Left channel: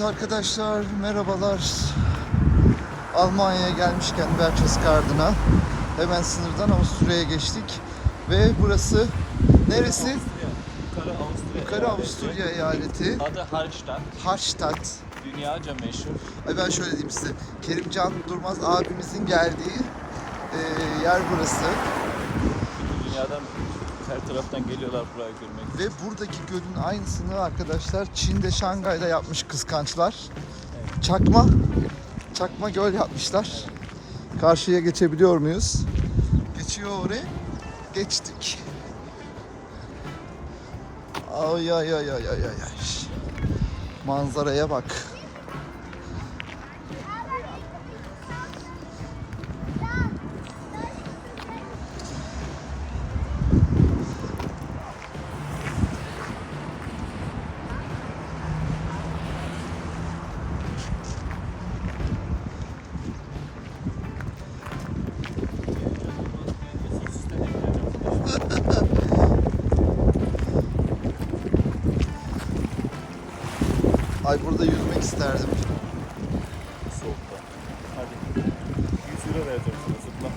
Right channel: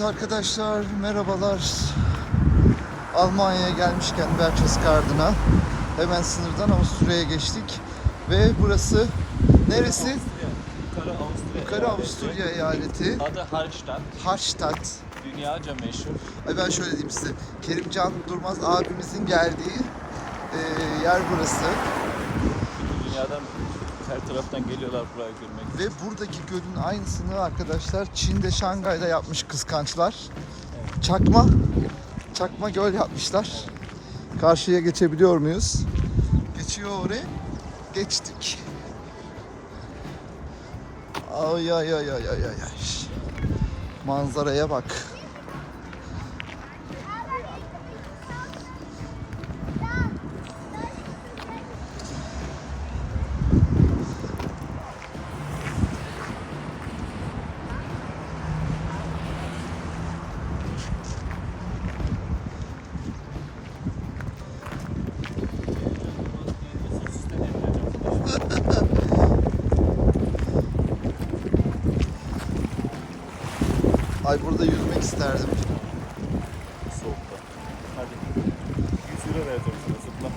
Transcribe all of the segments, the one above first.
arkadaşlar, merhabalar. Almanya'ya gelmişken Berchtesgaden'a hemen sınırdan Avusturya'ya geçtik. Ve burası neresi? Yukarı Avusturya. Yukarı Avusturya eyaleti. Adı Hallstatt. Hallstatt. Dünyaca meşhur. Ay ben şöyle diyeyim size. Kerimcan Durmaz abimizin geldiği e, yer burası. Bütün dünyadan her taraftan geliyorlar buraya görmek. Ve buradaki gölün aynısını arkadaşlar Çin'de Şangay'da yapmış kıskançlar. Çakma, çakma göl yapmışlar. Karşıya geçebiliyor muyuz? Geçiyor oraya. Geçtik. Ay ay ay ay ay. ay. Manzaraya bak. Ay burada yüzmek isterdim. Soğukta. Hadi. 100 euro vereceğim sana zıpla.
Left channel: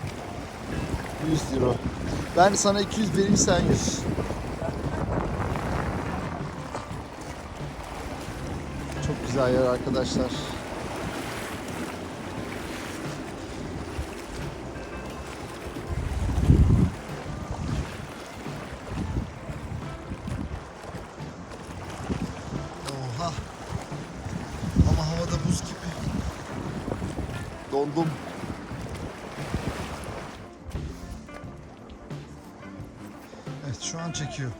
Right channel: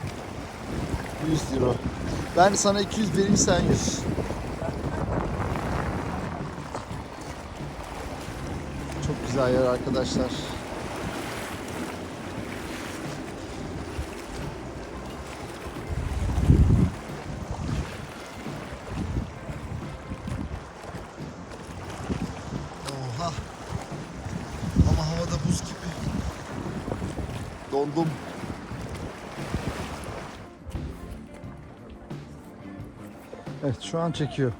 100 euro. Ben sana 200 vereyim sen 100. Çok güzel yer arkadaşlar. Oha. Ama havada buz gibi. Dondum. Evet şu an çekiyor.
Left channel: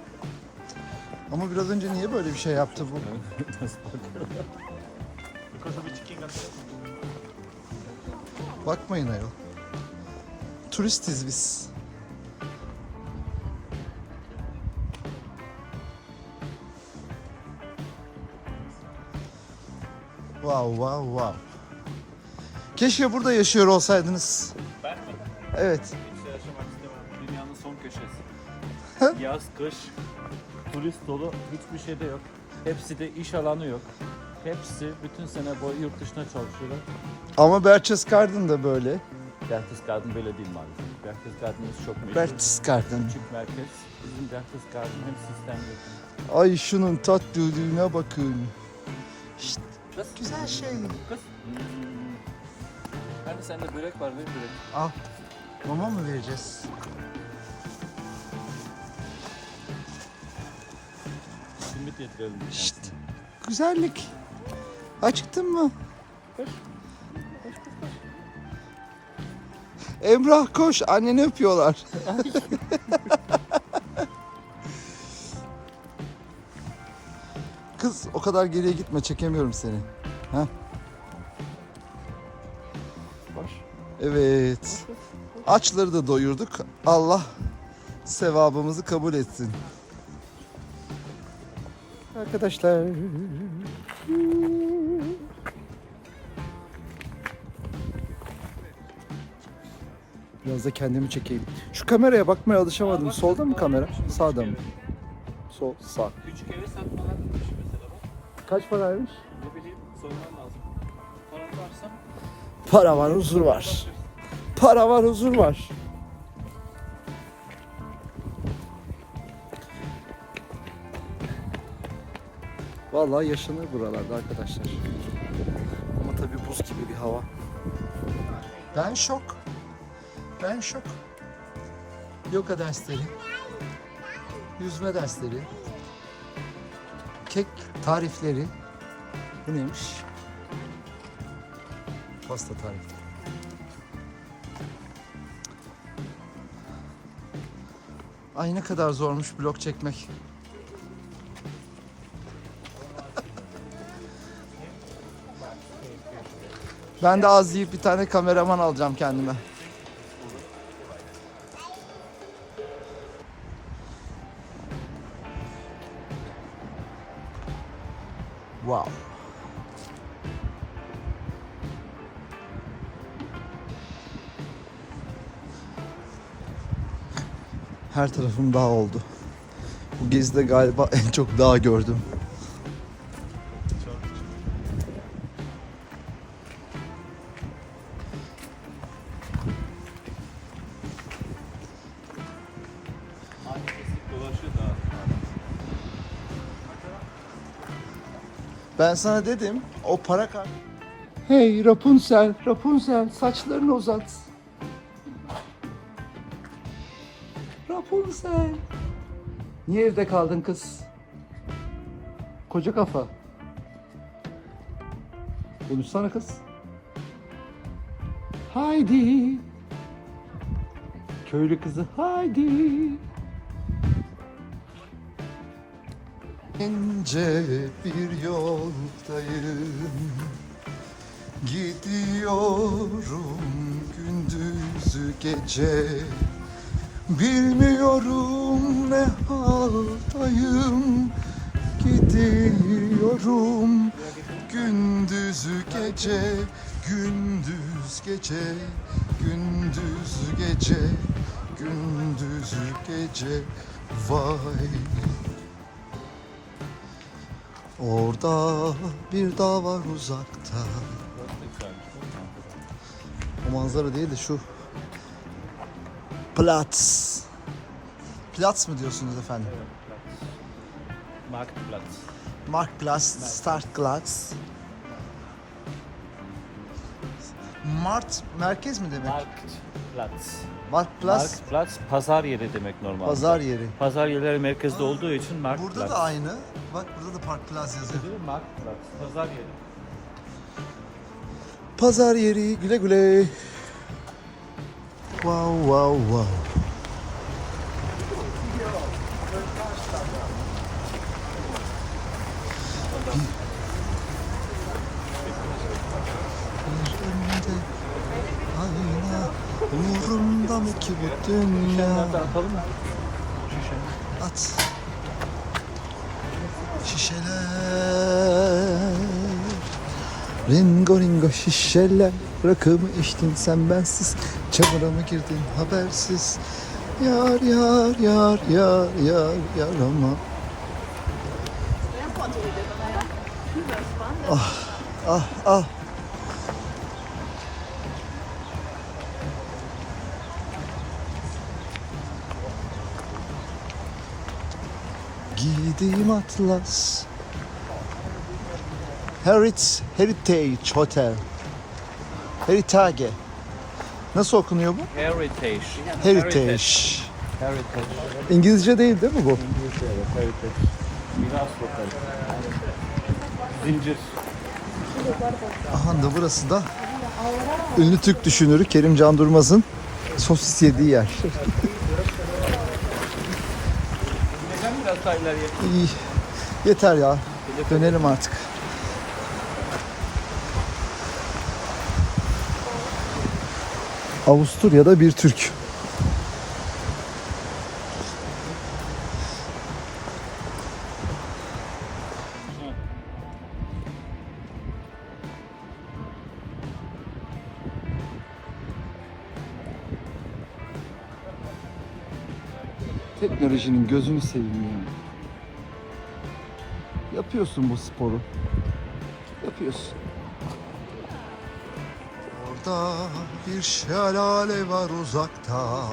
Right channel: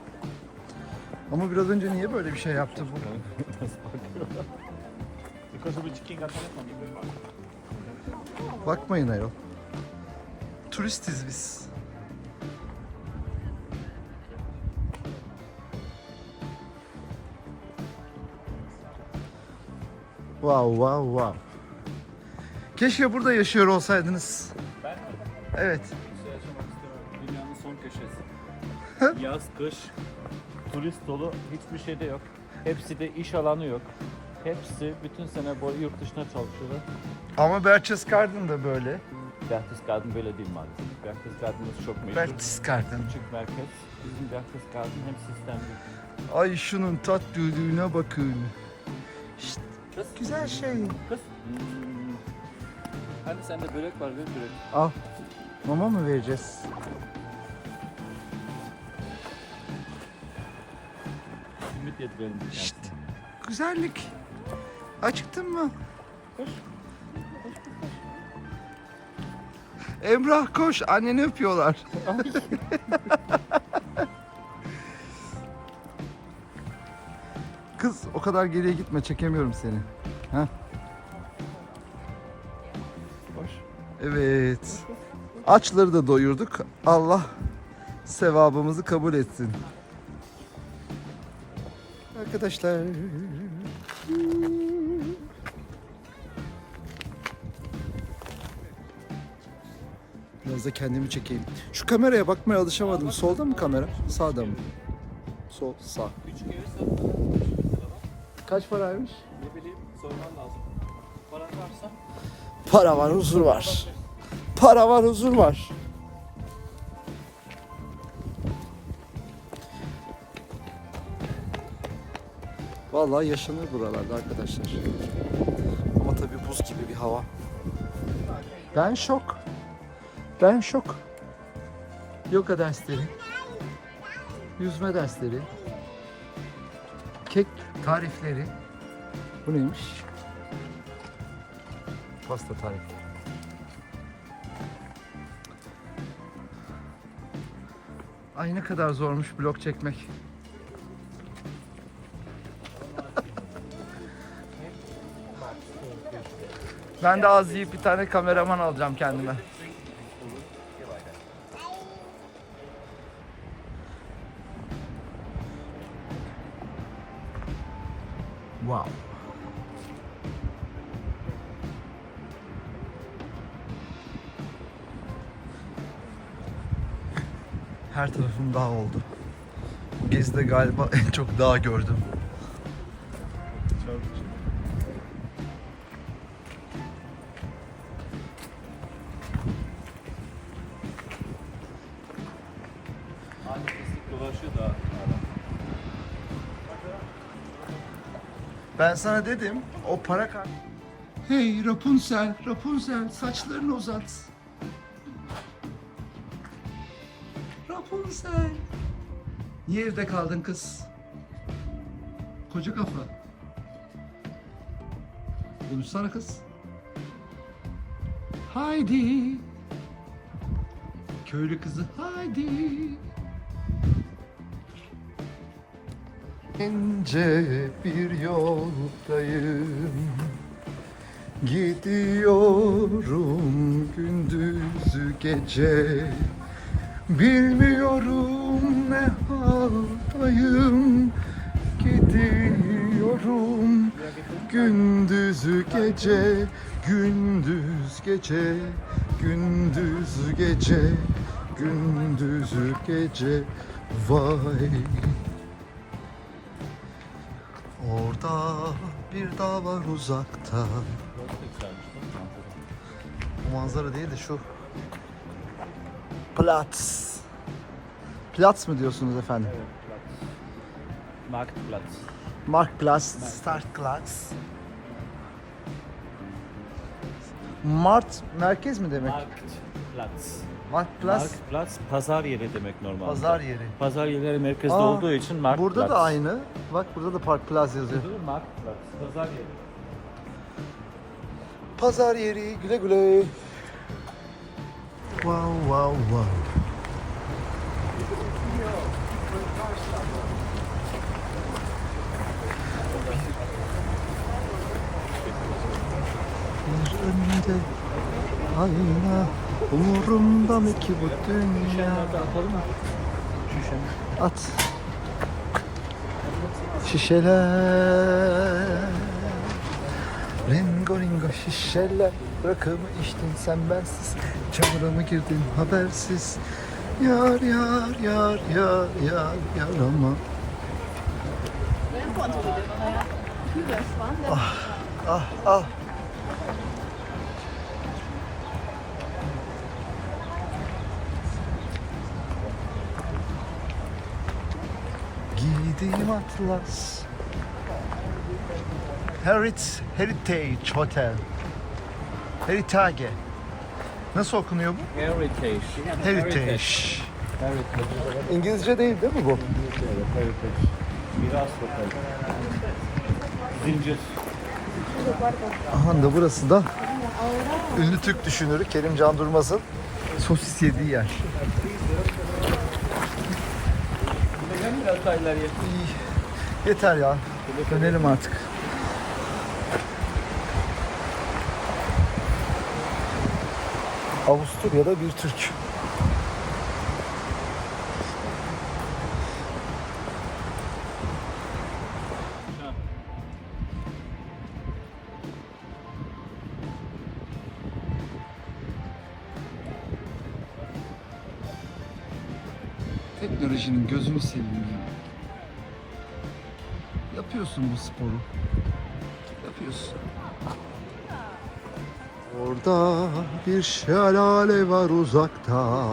Ama biraz önce niye böyle bir şey yaptı bu? Bakmayın ayol. Turistiz biz. Wow wow wow. Keşke burada yaşıyor olsaydınız. Ben mi? Evet. Hiç yaşamak istemem. Dünyanın son köşesi. Yaz, kış, turist dolu hiçbir şey de yok. Hepsi de iş alanı yok. Hepsi bütün sene boyu yurt dışına çalışıyorlar. Ama Berchtesgaden da böyle. Berchtesgaden böyle değil maalesef. Berchtesgaden'ımız çok meşhur. Berchtesgaden. Küçük merkez. Bizim Berchtesgaden hem sistemli. Ay şunun tatlılığına bakın. Kız. Güzel şey. Kız. Hani sende börek var, ver börek. Al. Mama mı vereceğiz? Simit yedirelim. Şşt. Güzellik. Acıktın mı? Emrah koş. Anneni öpüyorlar. Kız o kadar geriye gitme. Çekemiyorum seni. Heh. Evet. Açları da doyurduk. Allah sevabımızı kabul etsin. Arkadaşlar. Biraz da kendimi çekeyim. Şu kameraya bakmaya alışamadım. Solda mı kamera? Sağda mı? Sol, sağ. Kaç paraymış? Ne bileyim, sorman lazım. Paran varsa Para var, huzur var. Para var, huzur var. Vallahi yaşanır buralarda arkadaşlar. Ama tabii buz gibi bir hava. Ben şok. Ben şok. Yoga dersleri. Yüzme dersleri. Kek tarifleri. Bu neymiş? Pasta tarifi. Ay ne kadar zormuş blok çekmek. ben de az yiyip bir tane kameraman alacağım kendime. Wow. Her tarafım dağ oldu. Bu gezide galiba en çok dağ gördüm. Ben sana dedim o para kar... Hey Rapunzel, Rapunzel saçlarını uzat. Rapunzel. Niye evde kaldın kız? Koca kafa. Konuşsana kız. Haydi. Köylü kızı haydi. İnce bir yoldayım Gidiyorum gündüzü gece Bilmiyorum ne haldayım Gidiyorum gündüzü gece Gündüz gece Gündüz gece Gündüzü gece Vay Orada bir dağ var uzakta. O manzara değil de şu. Platz. Platz mı diyorsunuz efendim? Evet, Platz. Marktplatz. Marktplatz, Startplatz. Mart merkez mi demek? Marktplatz. Marktplatz Marktplatz pazar yeri demek normalde. pazar yeri. Pazar yerleri merkezde Aa, olduğu için Marktplatz. Burada da aynı. Bak burada da Park Plaza yazıyor. Değil mi? Marktplatz. Pazar yeri. Pazar yeri güle güle. Wow wow wow. Bir önünde ayna Umurumda mı ki bu dünya? At Şişeler Ringo ringo şişeler Rakımı içtin sen bensiz Çamura mı girdin habersiz. Yar yar yar yar yar yar ama. Ah ah ah. Giydiğim atlas. Herit, Heritage Hotel Heritage Nasıl okunuyor bu? Heritage. Heritage Heritage. İngilizce değil değil mi bu? İngilizce evet. Heritage. Miras. Zincir. Aha da burası da ünlü Türk düşünürü Kerim Can Durmaz'ın sosis yediği yer. Neden biraz daha ileriye? İyi. Yeter ya. Dönelim artık. Avusturya'da bir Türk. Teknolojinin gözünü seveyim ya. Yapıyorsun bu sporu. Yapıyorsun. Orada bir şelale var uzakta.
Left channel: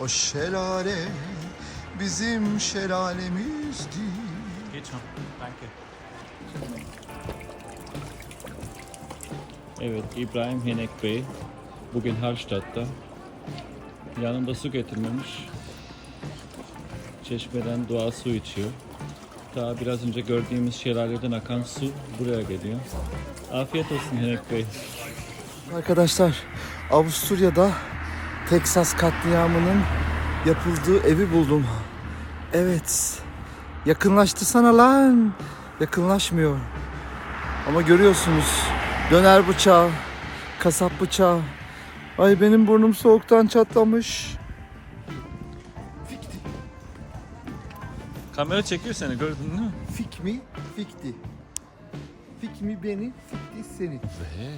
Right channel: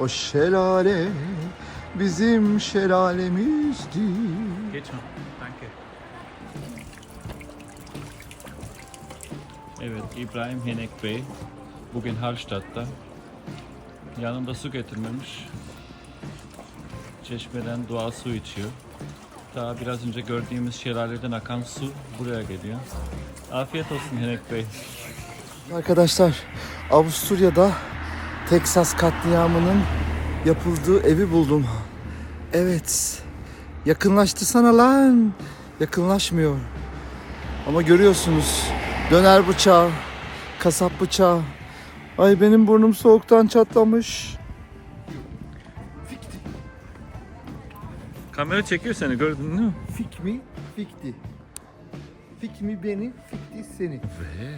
O şelale bizim şelalemizdi. Evet, İbrahim Henek Bey bugün Hallstatt'ta. Yanında su getirmemiş. Çeşmeden doğal su içiyor. Daha biraz önce gördüğümüz şelaleden akan su buraya geliyor. Afiyet olsun Henek Bey. Arkadaşlar Avusturya'da Teksas katliamının yapıldığı evi buldum. Evet. Yakınlaştırsana lan. Yakınlaşmıyor. Ama görüyorsunuz döner bıçağı, kasap bıçağı. Ay benim burnum soğuktan çatlamış. Kamera çekiyor seni gördün değil mi? Fik mi? Fikti. Fik mi beni, fikti seni. Ve